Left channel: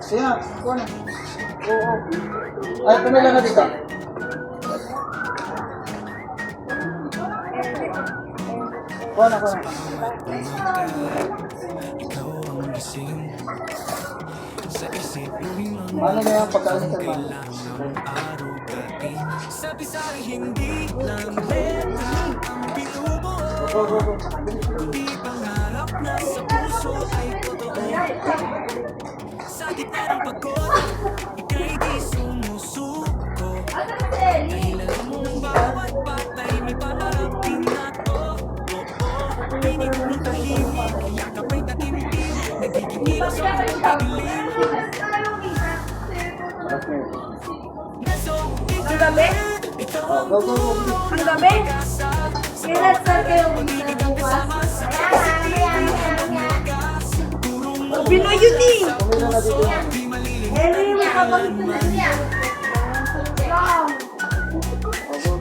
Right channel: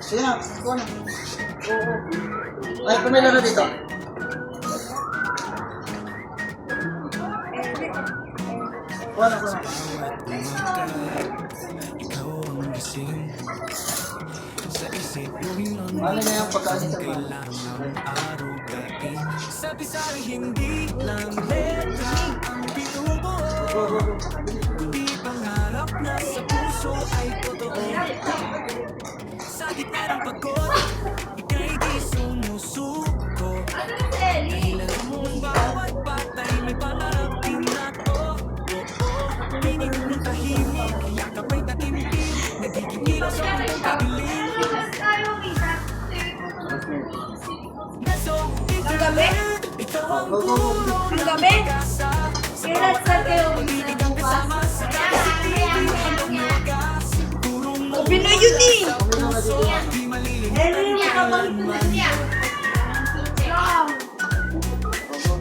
Sige na, kuha na. Oo. Ay, pumila na dito. Kuha na, kuha na. Ano na yung pagkain sa man? Sabi sa'yo hindi lang letra ang binubuo. Di pangarap na sa puso ay totoo. Sa gitna ng pagod, ika'y di sumusuko. Dahil alam mong bawat batay may pangarap din na to. Pinig mong tahimik, yakap ay tatimpin. Nagiging ilaw sa mundong kadilim. Ang gabi? Ang gabi? Kailan sa kayo? Pinoy yun eh!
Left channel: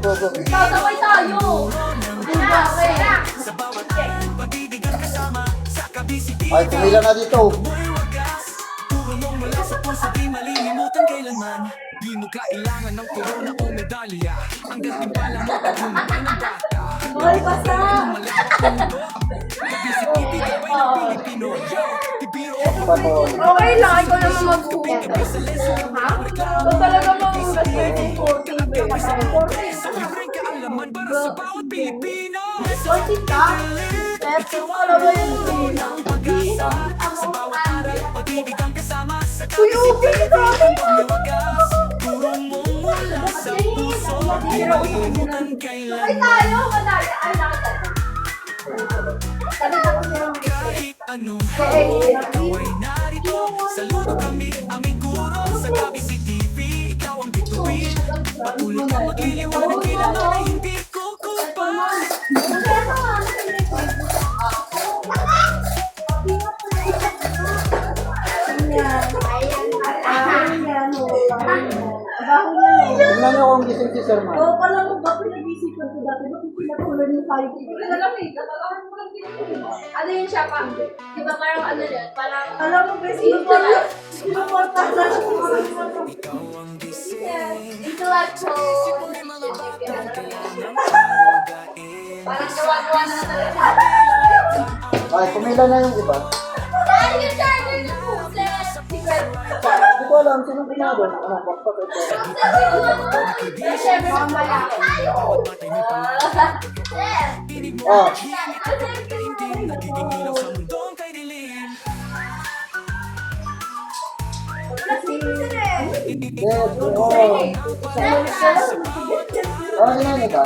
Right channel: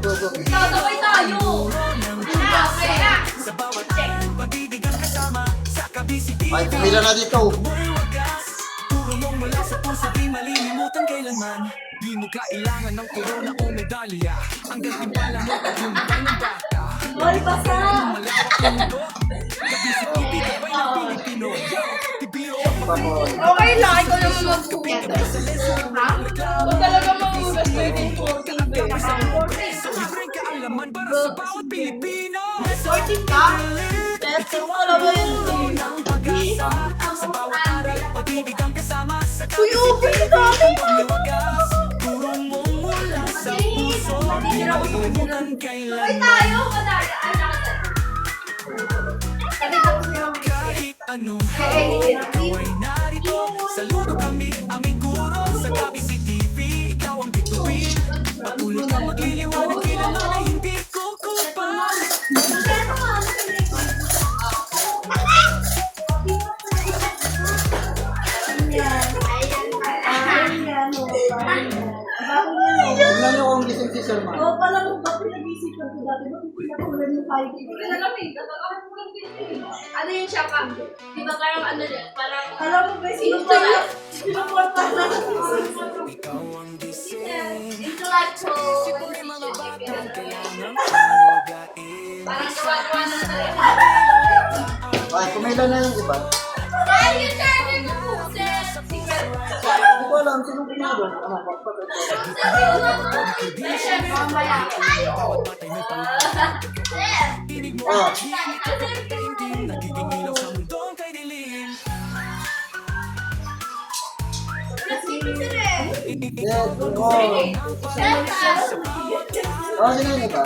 Sabay tayo! Ay, pumila na dito. Di mo kailangan ng corona o medalya. Ang gantimpala mo at lumabay ng bata. Hoy, basta! Malawak ang mundo. Kabisip ibigabay ng Pilipino. Tibiro Okay lang, ikaw naman maghuhugas. Ha? Kung talaga mahuhugas mo yung 14 so libreng kaalaman para sa bawat Pilipino. 14 ka? Pero alam mo yun. Ng pag-asa sa bawat aral. Pag-ibig ang kasama sa Uy, okay na akin! pagwawagas. Puro mong mula sa puso. Di malimutan kailanman. Tayo! Madali! Ay, nakita. Kahit anong hamon, ikaw ay narito. Saludo kami, aming guro. Sa tabi CCTV, ikaw ang bituin. Patuloy kang magliliwanag, kailanman ay hindi kukupas. Tingnan niyo kung gising si Sir Man. Oo, pala mo ba pinag-isipan ko dati? Bakit pinatuloy mo tayo? Hindi ko alam eh. Natatakan ko lang din. Ano yun siya pa? Di ba parang ano rin? Parang... Alam mo ba, sino tayo? Sino mo tayo? Ikaw ang gising. Intellectual. Isip mo may mga batang kailangan arugain. Parang gawa-gawa na natin. Ay, pumila na yung iba. Dahil yung channel ko. Secret. Hindi ko alam, sinong ginagawa? Ano, bakit ito? Siyempre, mamaya. Bawat batay may pangalan. Pinig mo Ah, hindi nagiging ilaw sa mundong kay dilim. yes, oh. Oh, sino yun ba?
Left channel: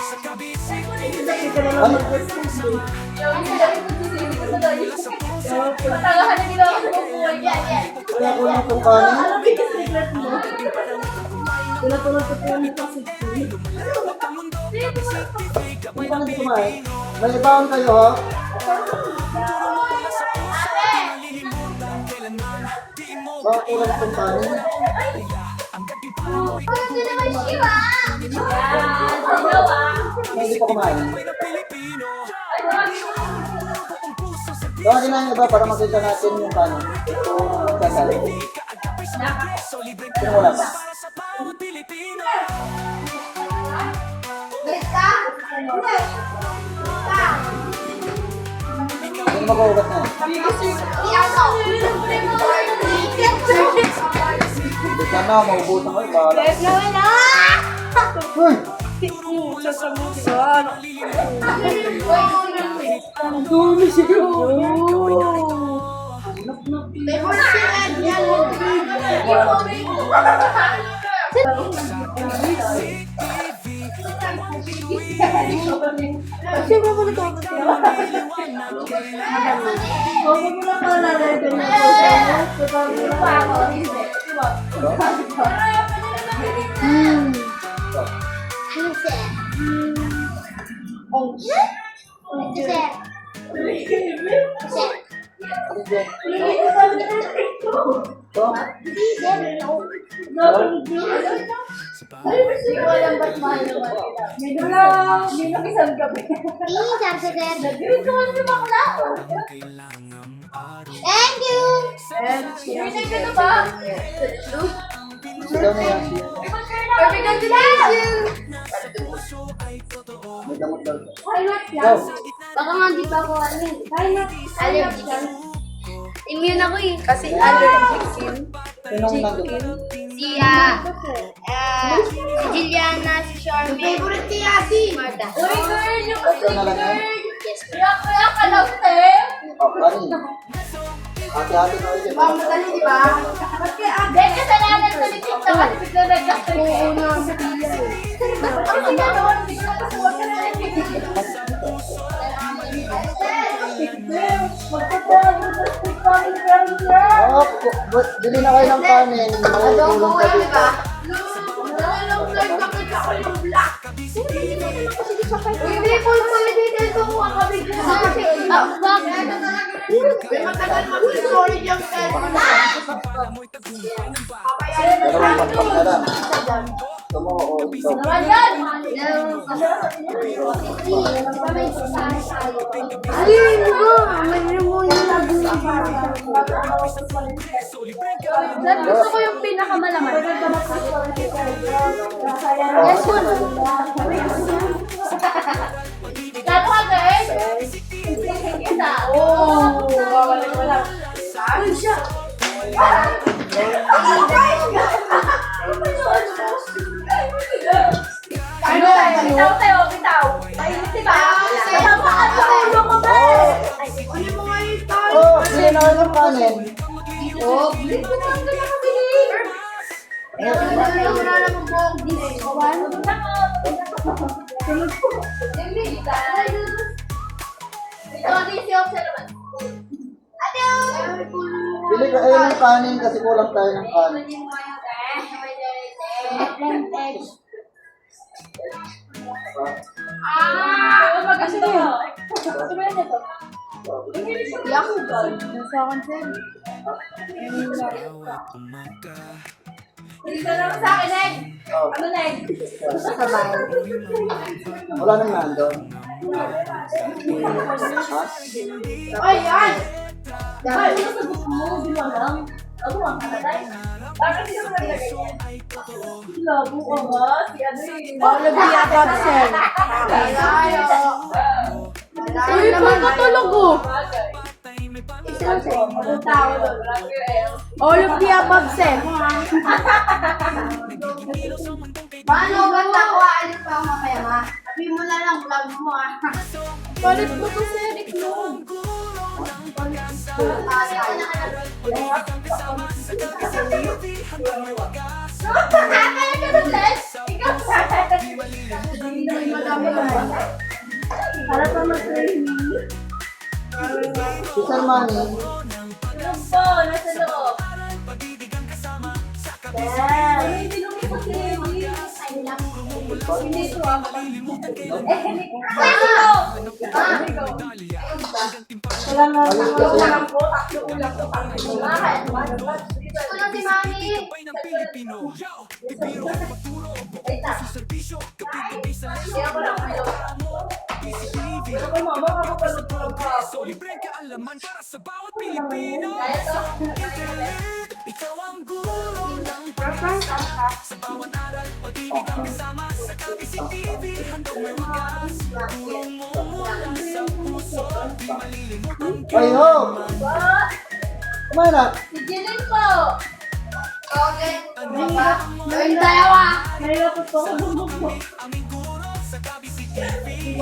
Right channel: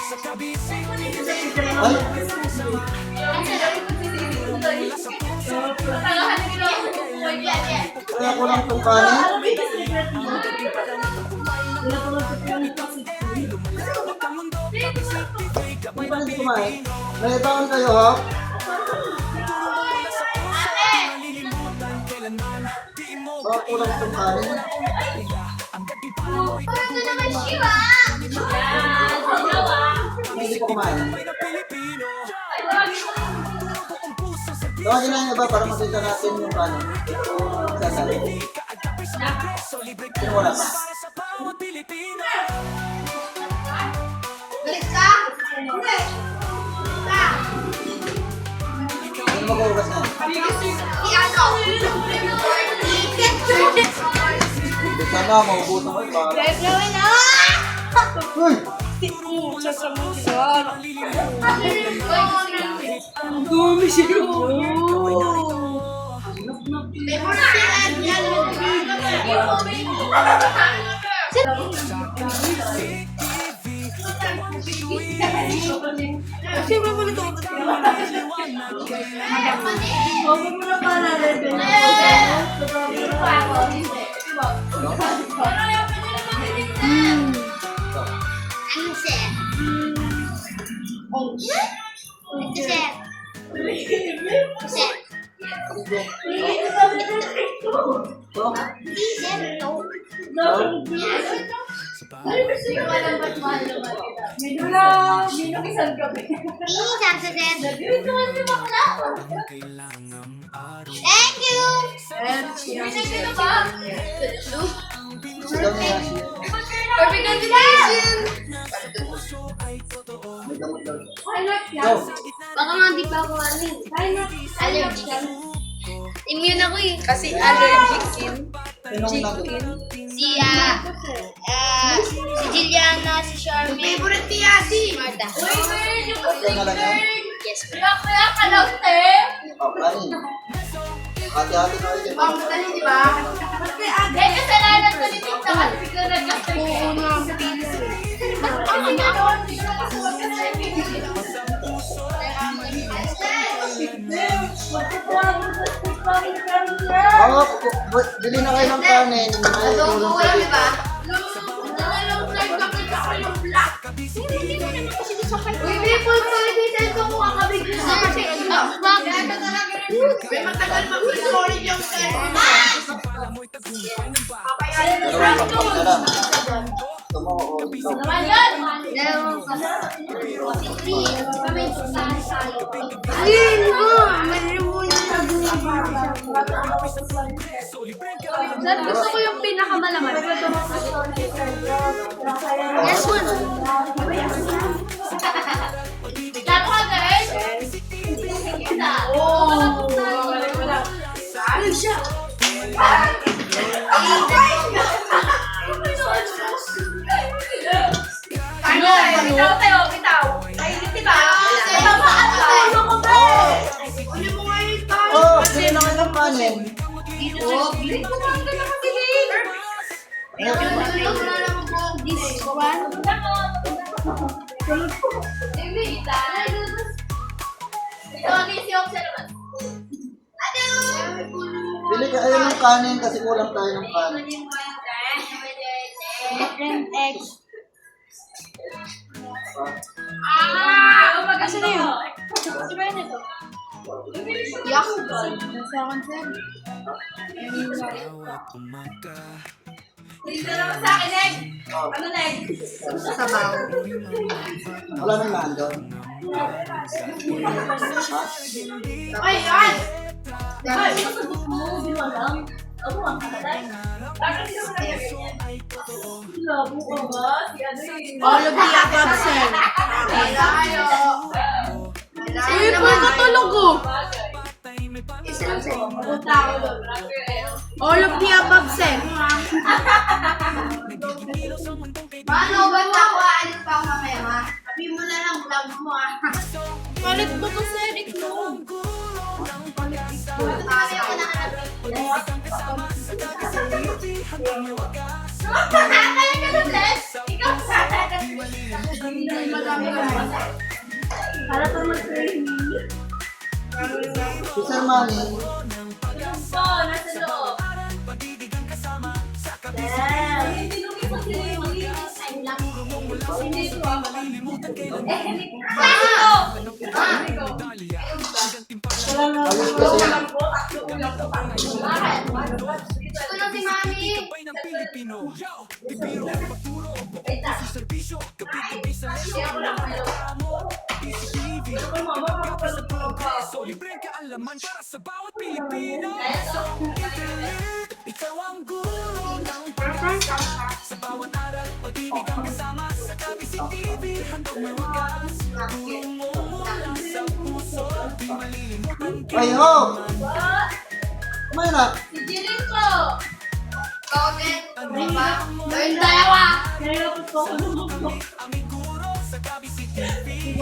Sa kabisig, Ay, Patagahan nila ako ng buhay yan. kaya ko lang itong kanin. Alam mo yung secret mo? Pinatulog ko po yung toxic food. lumalawak ang mundo. Kabisig, tibig, Hindi gabay pa ng nito Pilipino. kumain. May baon kayo, ha? Wala sa puso, di malilimutan kailanman. Di mo Bakit kulang itong kanin? ang gantimpala mo Ito naman siya. Hindi pa kumain. ay na Pilipino. Buong puso sa Tawagin na yung iba para makita natin yung kanin. Ito, sasali. kaagapay sa progreso. Libreng Sino wala pa? para sa bawat Pilipino. Balik ka? Hindi. Sino mag-uugas na? I-ano? Hindi ka na, maubutan ko. Bahala. Gawin na! Uy! Ang dumi siya. Kasi mo mo ito. Huwag mo na paalala din. Minong isang gabi. Thank you! Ano ba? Sigaw niya. Perfect combination! May damot daw. Go! Baka nga di pa ako allergic. Immune ako eh. Kasi allergic skin. Sinong nandun? Si Juliana, si Charmy. Favorite ni Ate. Marta. Uy, girl! Yung Ikaw na lang yan? Yes, kaya ka lang, te. Oh, kanin. Hati-hati na ulit. Madali, di ba? Hindi, kasalanan ko ni Tito at bigla nag-gasol. Oo na, sa pila Oh, bili na kayo ng kanin. May tulong pa dito. Uy, may full detail ko kung kakabig ko sa kasi. Bakit? Dalawang lampag na lang. Gusto mo o ikaw? Sir, gusto ko yung pinakamalaman. Yes, po. Gato ka, guys? Oh, wawalay mo lang. Uy, siya. Ano? Bitaw tayo, bitaw. Ay, diba? Oh, bili na kayo ng kanin. Oh, bili ko lang ganyan mabili. Wala naman po. Bili ka kayo ng kanin kasi kulang tayo ng kanin. Kasi na yun. Yak. Nasa akin, sir. Bawat umaga Dito naman sa akin, Neg. Ano, Neg? Sa baw. Wala nang nandun. Ay, ay! Ay, ito gusto mo, di mo alam. Ano ang kaladay? Bakit hindi mo ganyan? Labo ko ba? Si ano yun? All of the above, sir. Uy, po katulog ko. All of the above, sir. Paano ba ako aalis pa ako mamaya, ma? Sabi mo na lang vlog mo, ah. Palit ko to sa Eric mo. Sabi ako na Para pa mag-training. Si Sir Manny, Yung po, nasa loob. Hindi nung ito si Amy. Hindi ko ako. alis kasi. Ito na si Mami. Sabay ng Pilipino. Yo! Bibiro ko magturo. Buko sa serbisyo. Gabi-gabi sa lesson. PCTV. Sa progreso. Libreng kaalaman para sa bawat Pilipino. Sa internet. Ikaw ang guro ng pag-asa. Sa bawat aral. Pag-ibig ang kasama. Sa PCTV. Handog may wagas. Tulong mo mula sa puso. Di malilimutan Ay ho! Kumain na. Si Jilin po. Okay. Ano ba? Yung dalawa. aming guro sa PCTV.